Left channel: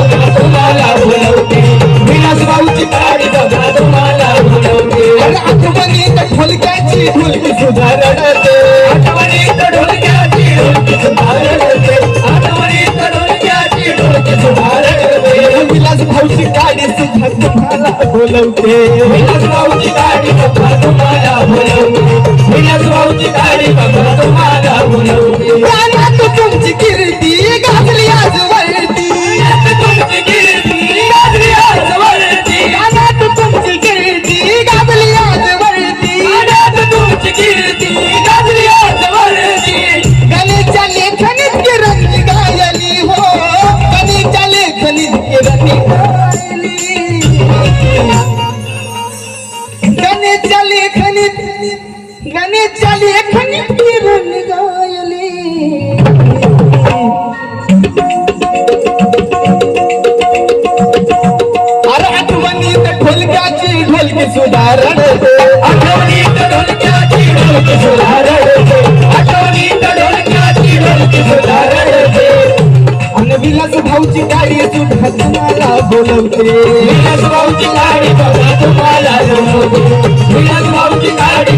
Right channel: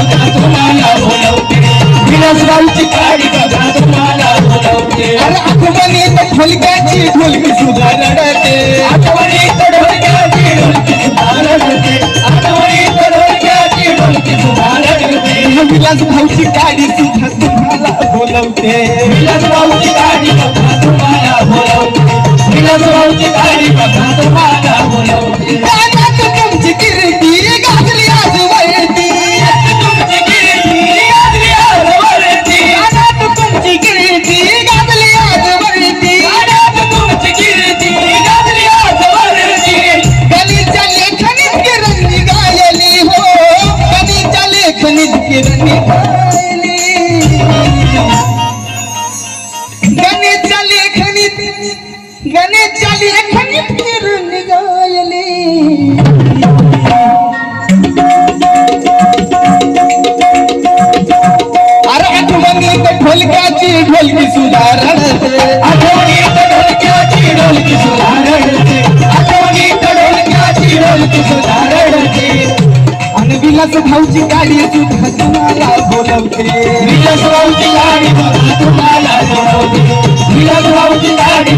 बघा तुम्हाला बोलवते, विलासरावची गाडी बघा तुम्हाला बोलवते. आठवणीत ढोलक्याची ढोलकी सुद्धा रडते, आठवणीत ढोलक्याची ढोलकी सुद्धा रडते, आठवणीत ढोलक्याची ढोलकी सुद्धा रडते. विलासरावची गाडी सुद्धा तुम्हाला बोलवते, विलासरावची गाडी बघा तुम्हाला बोलवते, विलासरावची गाडी बघा तुम्हाला बोलवते. गाण्यात तुमची कीर्ती गाजली आजवरती, तुमची कीर्ती गाजली आजवरती, गाण्यात तुमची कीर्ती गाजली आजवरती, गाण्यात तुमची कीर्ती गाजली आजवरती. गणेशच्या लेखनीत किरणी गायली हो, गणेशच्या लेखनीत किरणी गायली, गणेशच्या लेखनीत, गणेशच्या लेखनीत किरणी गायली. अरे आठवणीत ढोलक्याची ढोलकी सुद्धा रडते, आठवणीत ढोलक्याची ढोलकी सुद्धा रडते, आठवणीत ढोलक्याची ढोलकी सुद्धा रडते. आणि विलासरावची गाडी सुद्धा तुम्हाला बोलवते, विलासरावची गाडी बघा तुम्हाला बोलवते, विलासरावची गाडी